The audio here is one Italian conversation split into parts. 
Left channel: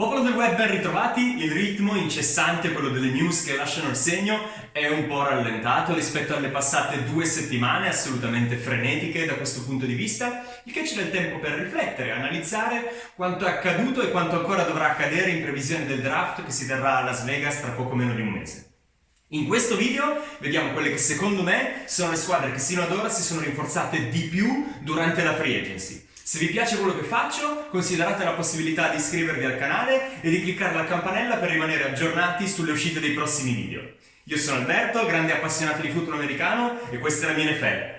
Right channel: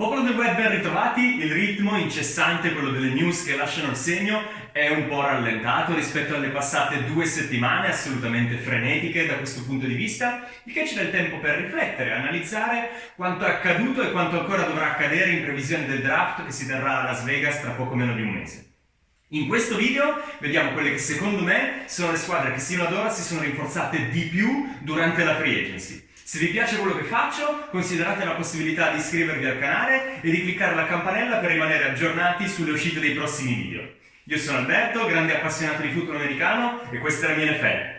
Popolo del web, ben ritrovati. Il ritmo incessante, quello delle news che lasciano il segno, è un po' rallentato rispetto alle passate 2 settimane assolutamente frenetiche da questo punto di vista, il che ci dà il tempo per riflettere, analizzare quanto è accaduto e quanto ancora dovrà accadere in previsione del draft che si terrà a Las Vegas tra poco meno di un mese. In questo video vediamo quelle che secondo me sono le squadre che sino ad ora si sono rinforzate di più durante la free agency. Se vi piace quello che faccio, considerate la possibilità di iscrivervi al canale e di cliccare la campanella per rimanere aggiornati sulle uscite dei prossimi video. Io sono Alberto, grande appassionato di football americano, e questa è la mia NFL.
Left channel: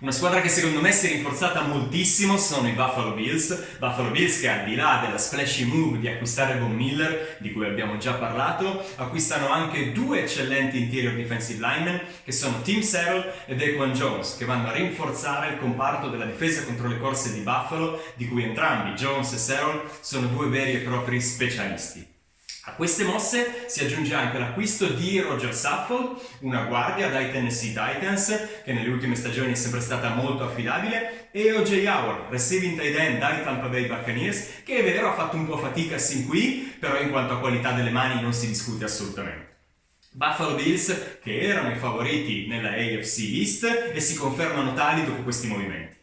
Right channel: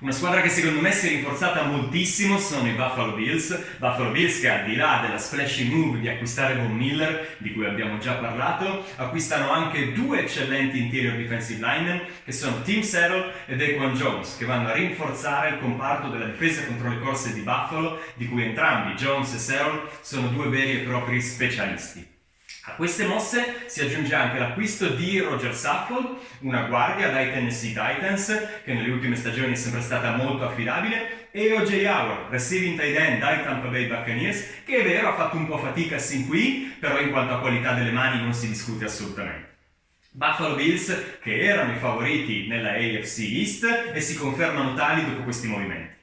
Una squadra che secondo me si è rinforzata moltissimo sono i Buffalo Bills che al di là della splashy move di acquistare Von Miller, di cui abbiamo già parlato, acquistano anche due eccellenti interior defensive linemen che sono Tim Settle e Daquan Jones, che vanno a rinforzare il comparto della difesa contro le corse di Buffalo, di cui entrambi, Jones e Settle, sono due veri e propri specialisti. A queste mosse si aggiunge anche l'acquisto di Roger Saffold, una guardia dai Tennessee Titans, che nelle ultime stagioni è sempre stata molto affidabile, e O.J. Howard, receiving tight end dai Tampa Bay Buccaneers, che è vero ha fatto un po' fatica sin qui, però in quanto a qualità delle mani non si discute assolutamente. Buffalo Bills che erano i favoriti nella AFC East e si confermano tali dopo questi movimenti.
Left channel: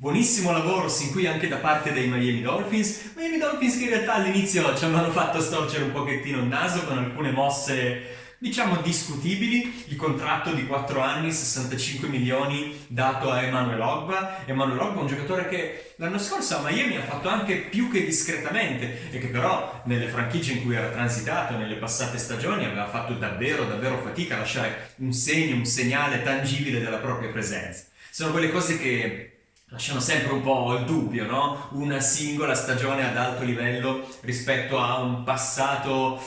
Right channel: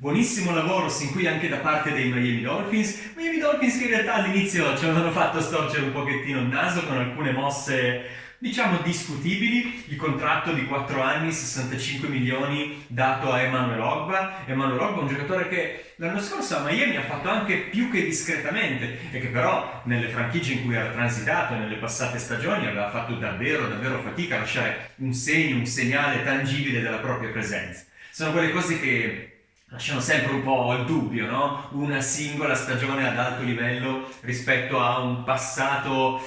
Buonissimo lavoro sin qui anche da parte dei Miami Dolphins che in realtà all'inizio ci avevano fatto storcere un pochettino il naso con alcune mosse diciamo discutibili. Il contratto di 4 anni, 65 milioni dato a Emmanuel Ogbah, un giocatore che l'anno scorso a Miami ha fatto anche più che discretamente e che però nelle franchigie in cui era transitato nelle passate stagioni aveva fatto davvero fatica a lasciare un segno, un segnale tangibile della propria presenza. Sono quelle cose che lasciano sempre un po' il dubbio, no? Una singola stagione ad alto livello rispetto a un passato,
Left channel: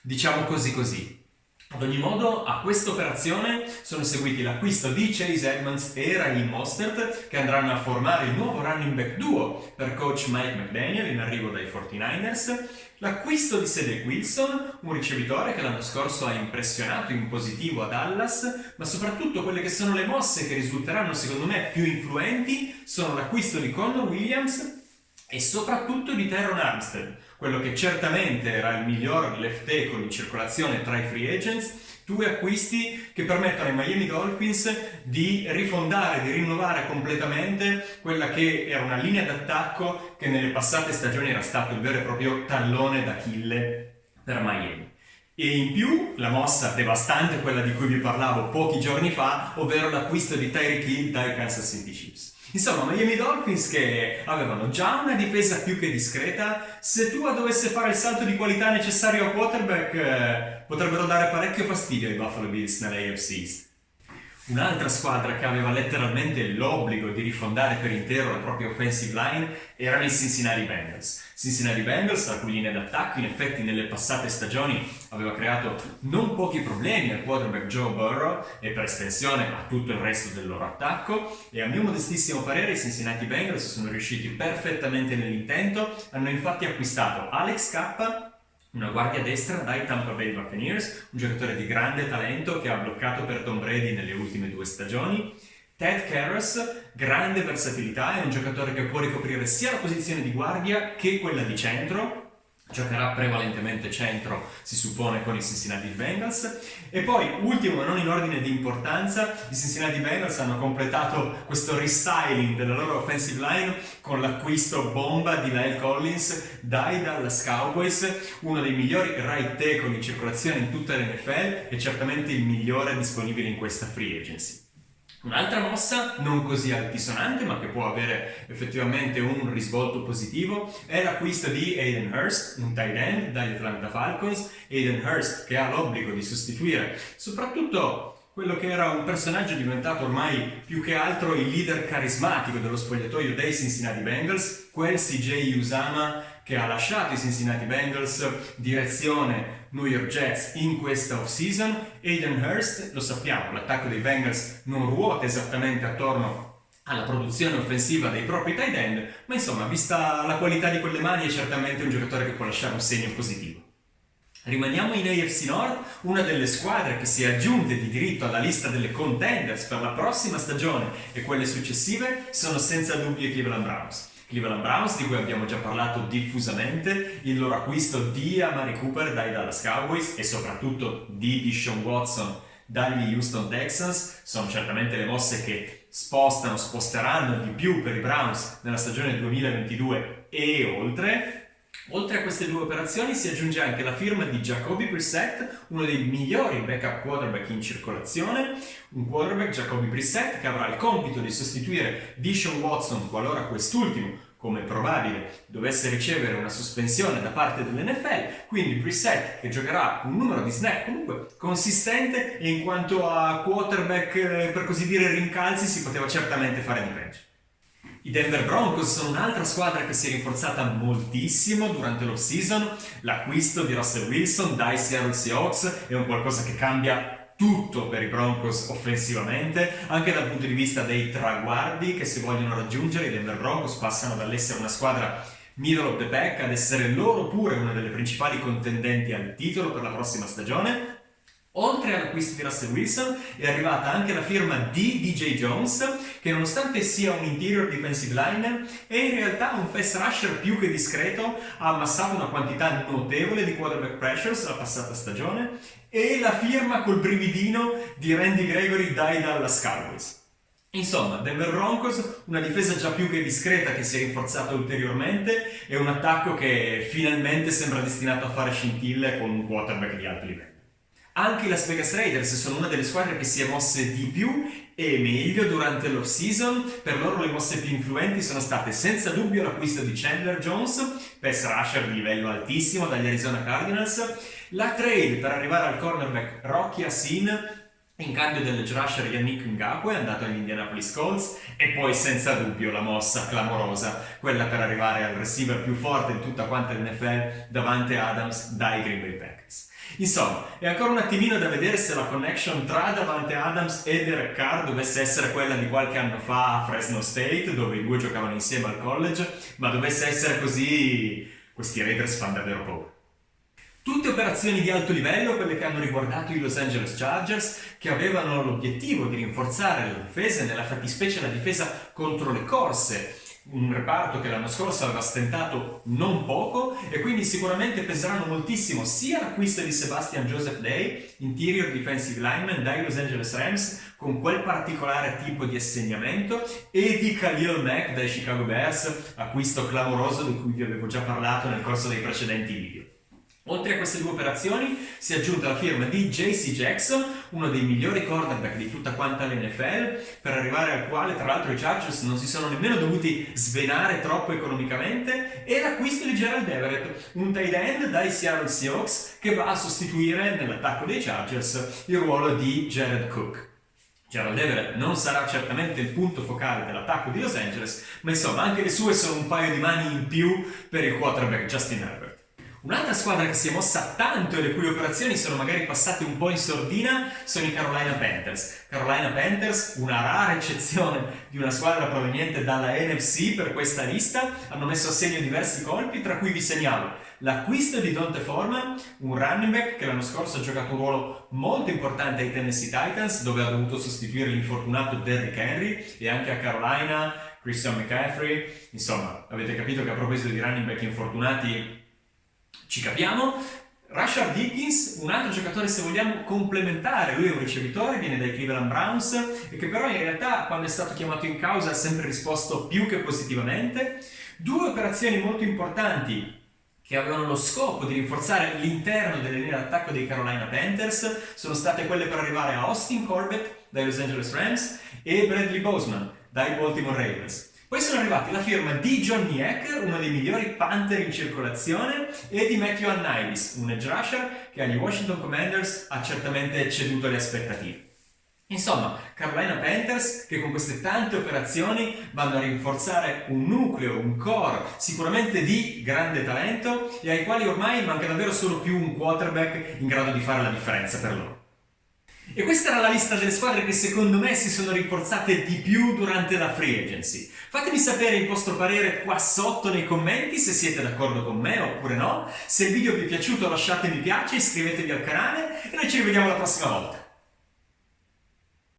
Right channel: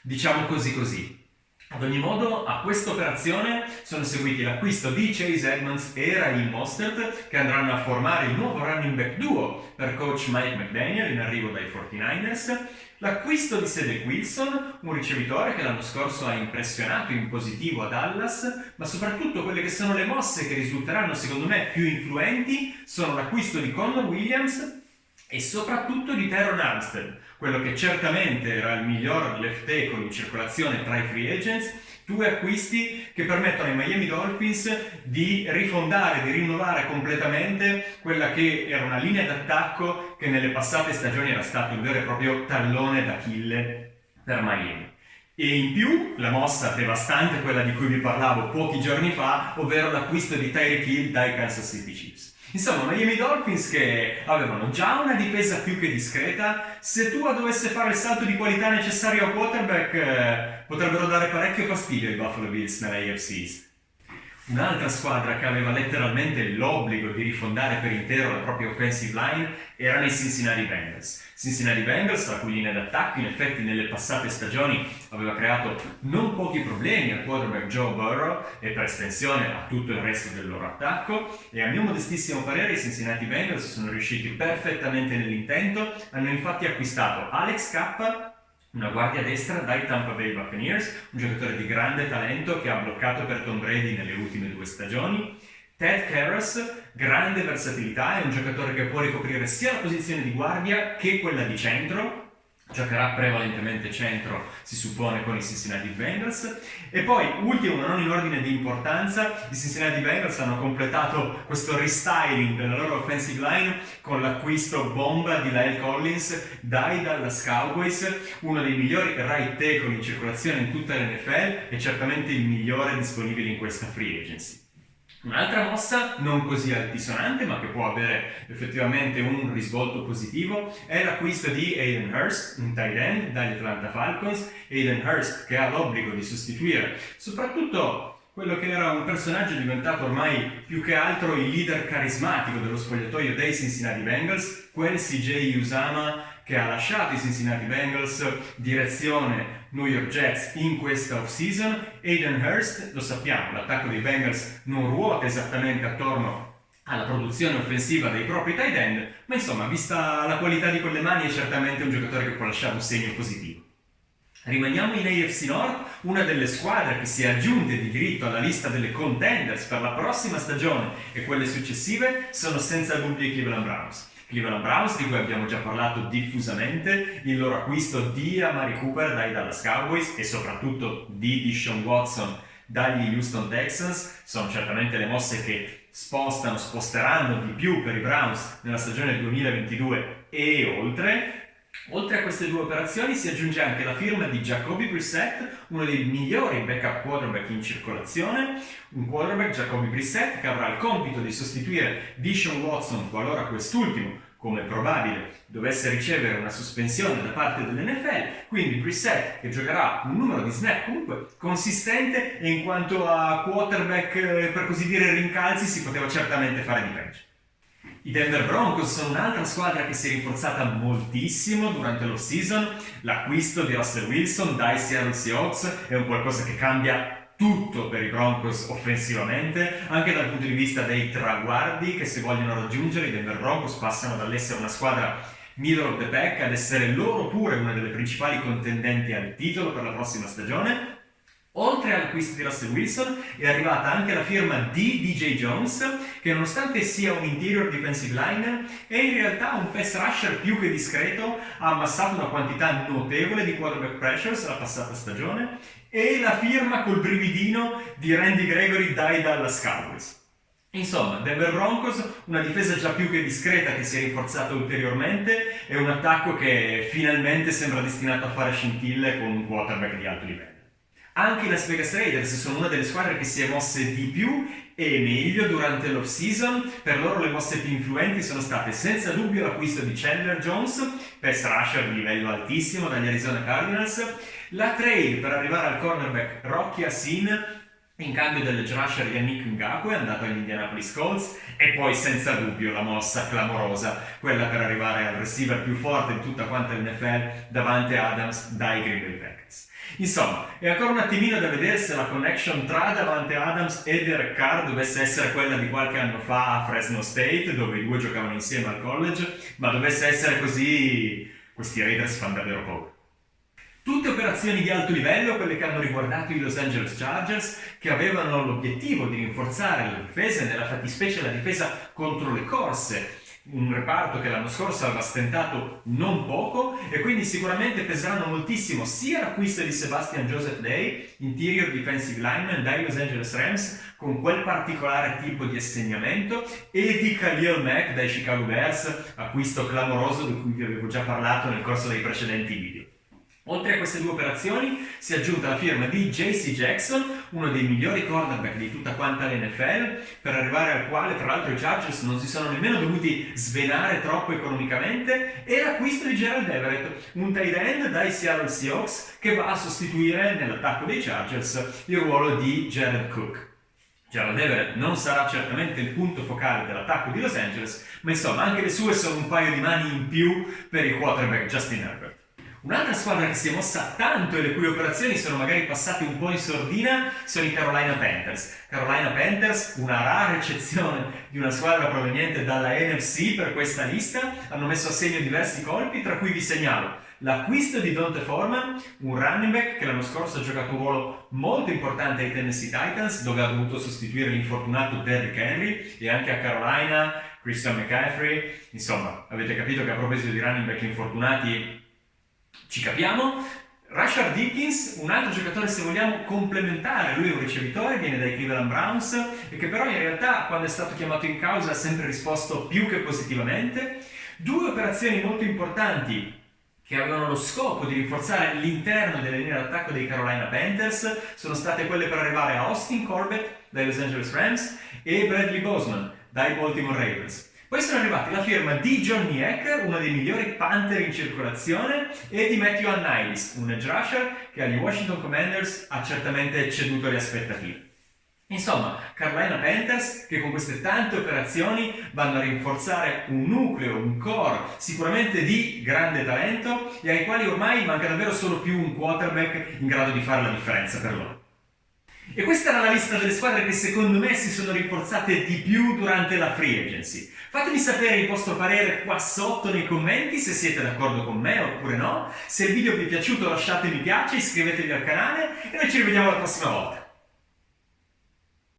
diciamo così. Ad ogni modo, a questa operazione sono seguiti l'acquisto di Chase Edmonds e Raheem Mostert, che andranno a formare il nuovo running back duo per coach Mike McDaniel in arrivo dai 49ers, l'acquisto di Cedric Wilson, un ricevitore che l'anno scorso ha impressionato in positivo a Dallas, ma soprattutto quelle che sono le mosse che risulteranno secondo me più influenti sono l'acquisto di Connor Williams e soprattutto di Terron Armstead, quello che certamente era il miglior left tackle in circolazione tra i free agents. Due acquisti che permettono ai Miami Dolphins di rifondare, di rinnovare completamente quella che era una linea d'attacco che nelle passate stagioni era stato il vero e proprio tallone d'Achille per Miami. E in più la mossa devastante, quella di cui vi parlavo pochi giorni fa, ovvero l'acquisto di Tyreek Hill dai Kansas City Chiefs. Insomma, Miami Dolphins che avevano già una difesa più che discreta. Se Tua dovesse fare il salto di qualità necessario a quarterback, potrebbero dare parecchio fastidio ai Buffalo Bills nella AFC East. Un'altra squadra che aveva letteralmente l'obbligo di rifondare per intero la propria offensive line erano i Cincinnati Bengals, la cui linea d'attacco in effetti nelle passate stagioni aveva creato non pochi problemi al quarterback Joe Burrow e per estensione a tutto il resto del loro attacco, e a mio modestissimo parere i Cincinnati Bengals sono riusciti perfettamente nell'intento. Hanno infatti acquistato Alex Kappa, una guardia destra dai Tampa Bay Buccaneers, un giocatore di grande talento che ha bloccato per Tom Brady nelle ultime 2 stagioni. Ted Karras, grande versatilità, è un giocatore che può ricoprire sia la posizione di guardia che quella di centro. Giocherà prevalentemente centro, si suppone, con i Cincinnati Bengals. E poi, ultimo ma non in ordine di importanza, i Cincinnati Bengals hanno completato questo restyling della loro offensive line con l'acquisto bomba di La'el Collins dai Dallas Cowboys, uno dei migliori right tackle in circolazione in tutta l'NFL e certamente il migliore disponibile in questa free agency. Un'altra mossa, non così altisonante ma che può avere effettivamente un risvolto positivo, è l'acquisto di Hayden Hurst, un tight end dagli Atlanta Falcons. Hayden Hurst che ha l'obbligo di sostituire soprattutto quello che era un personaggio diventato ormai più che altro il leader carismatico dello spogliatoio dei Cincinnati Bengals, quel CJ Uzomah che ha lasciato i Cincinnati Bengals direzione New York Jets in questa off-season. Hayden Hurst, lo sappiamo, l'attacco dei Bengals non ruota esattamente attorno alla produzione offensiva dei propri tight end, ma insomma, vista la qualità di quelle mani, è certamente un giocatore che può lasciare un segno positivo. Rimaniamo in AFC North, una delle squadre che si è aggiunte di diritto alla lista delle contenders per la prossima stagione e quelle successive sono senza dubbio i Cleveland Browns. Cleveland Browns, di cui abbiamo già parlato diffusamente, il loro acquisto di Amari Cooper dai Dallas Cowboys e soprattutto di Deshaun Watson dagli Houston Texans sono certamente le mosse che sposteranno di più per i Browns nella stagione 2022 e oltre. Oltre a queste due operazioni si aggiunge anche la firma di Jacoby Brissett, uno dei migliori backup quarterback in circolazione, un quarterback, Jacoby Brissett, che avrà il compito di sostituire Deshaun Watson qualora quest'ultimo, come probabile, dovesse ricevere una sospensione da parte dell'NFL, quindi Brissett che giocherà un numero di snap comunque consistente e in quanto a quarterback, per così dire, rincalzi, si poteva certamente fare di peggio. I Denver Broncos sono un'altra squadra che si è rinforzata moltissimo durante l'off-season. L'acquisto di Russell Wilson dai Seattle Seahawks è un qualcosa che cambia tutto per i Broncos offensivamente, anche dal punto di vista dei traguardi che si vogliono raggiungere. I Denver Broncos passano dall'essere una squadra middle of the pack ad essere loro pure una delle principali contendenti al titolo per la prossima stagione. Oltre all'acquisto di Russell Wilson è arrivata anche la firma di DJ Jones, che nonostante sia un interior defensive lineman è in realtà un pass rusher più che discreto, ha ammassato una quantità notevole di quarterback pressures la passata stagione, e la firma col brividino di Randy Gregory dai Dallas Cowboys. Insomma, Denver Broncos, una difesa già più che discreta che si è rinforzata ulteriormente e un attacco che finalmente sembra destinato a fare scintille con un quarterback di alto livello. Anche i Las Vegas Raiders sono una delle squadre che si è mosse di più e meglio durante l'off-season. Per loro le mosse più influenti sono state senza dubbio l'acquisto di Chandler Jones, pass rusher di livello altissimo dagli Arizona Cardinals, la trade per arrivare al cornerback Rocky Ya-Sin in cambio dell'edge rusher Yannick Ngakoue andato agli Indianapolis Colts, e poi senza dubbio la mossa clamorosa, quella per arrivare al receiver più forte di tutta quanta l'NFL, Davante Adams dai Green Bay Packers. Insomma, è ancora un attimino da vedere se la connection tra Davante Adams e Derek Carr dovesse essere quella di qualche anno fa a Fresno State, dove i due giocavano insieme al college, ma dovesse essere così, questi Raiders fanno davvero paura. Tutte operazioni di alto livello, quelle che hanno riguardato i Los Angeles Chargers, che avevano l'obiettivo di rinforzare la difesa e nella fattispecie la difesa contro le corse, un reparto che l'anno scorso aveva stentato non poco, e quindi sicuramente peseranno moltissimo sia l'acquisto di Sebastian Joseph Day, interior defensive lineman dai Los Angeles Rams, con quel particolare tipo di assegnamento, e di Khalil Mack dai Chicago Bears, acquisto clamoroso di cui vi avevo già parlato nel corso dei precedenti video. Oltre a queste due operazioni si è aggiunta la firma di J.C. Jackson, uno dei migliori cornerback di tutta quanta l'NFL, per arrivare al quale tra l'altro i Chargers non si sono nemmeno dovuti svenare troppo economicamente, e l'acquisto di Gerald Everett, un tight end dai Seattle Seahawks che va a sostituire nell'attacco dei Chargers il ruolo di Jared Cook. Gerald Everett non sarà certamente il punto focale dell'attacco di Los Angeles, ma insomma anche le sue sono un paio di mani in più per il quarterback Justin Herbert. Un'altra squadra che si è mossa tanto e le cui operazioni sono magari passate un po' in sordina sono i Carolina Panthers. Carolina Panthers, una rara eccezione di una squadra proveniente dalla NFC per questa lista, hanno messo a segno diversi colpi, tra cui vi segnalo l'acquisto di D'Onta Foreman, un running back che l'anno scorso ha giocato un ruolo molto importante ai Tennessee Titans, dove ha dovuto sostituire l'infortunato Derrick Henry, e anche a Carolina Christian McCaffrey. Insomma, avete capito che a proposito di running back infortunati ci capiamo. Rashard Dickens, un altro giocatore se vogliamo complementare, lui è un ricevitore, viene dai Cleveland Browns, e che però in realtà quando è stato chiamato in causa ha sempre risposto più che positivamente. Due operazioni molto importanti che avevano lo scopo di rinforzare l'interno delle linee d'attacco dei Carolina Panthers sono state quelle per arrivare a Austin Corbett dai Los Angeles Rams e Bradley Bozeman dai Baltimore Ravens. Poi sono arrivati la firma di Johnny Heck, uno dei migliori Panther in circolazione, e di Matthew Ioannidis, un edge rusher che agli Washington Commanders ha certamente ecceduto le aspettative. Insomma, Carolina Panthers che con queste tante operazioni vanno a rinforzare un nucleo, un core sicuramente di grande talento, e ai quali ormai manca davvero solo più un quarterback in grado di fare la differenza per loro. E questa era la lista delle squadre che secondo me si sono rinforzate di più durante la free agency. Fatemi sapere il vostro parere qua sotto nei commenti, se siete d'accordo con me oppure no. Se il video vi è piaciuto lasciate mi piace, iscrivetevi al canale e noi ci rivediamo la prossima volta.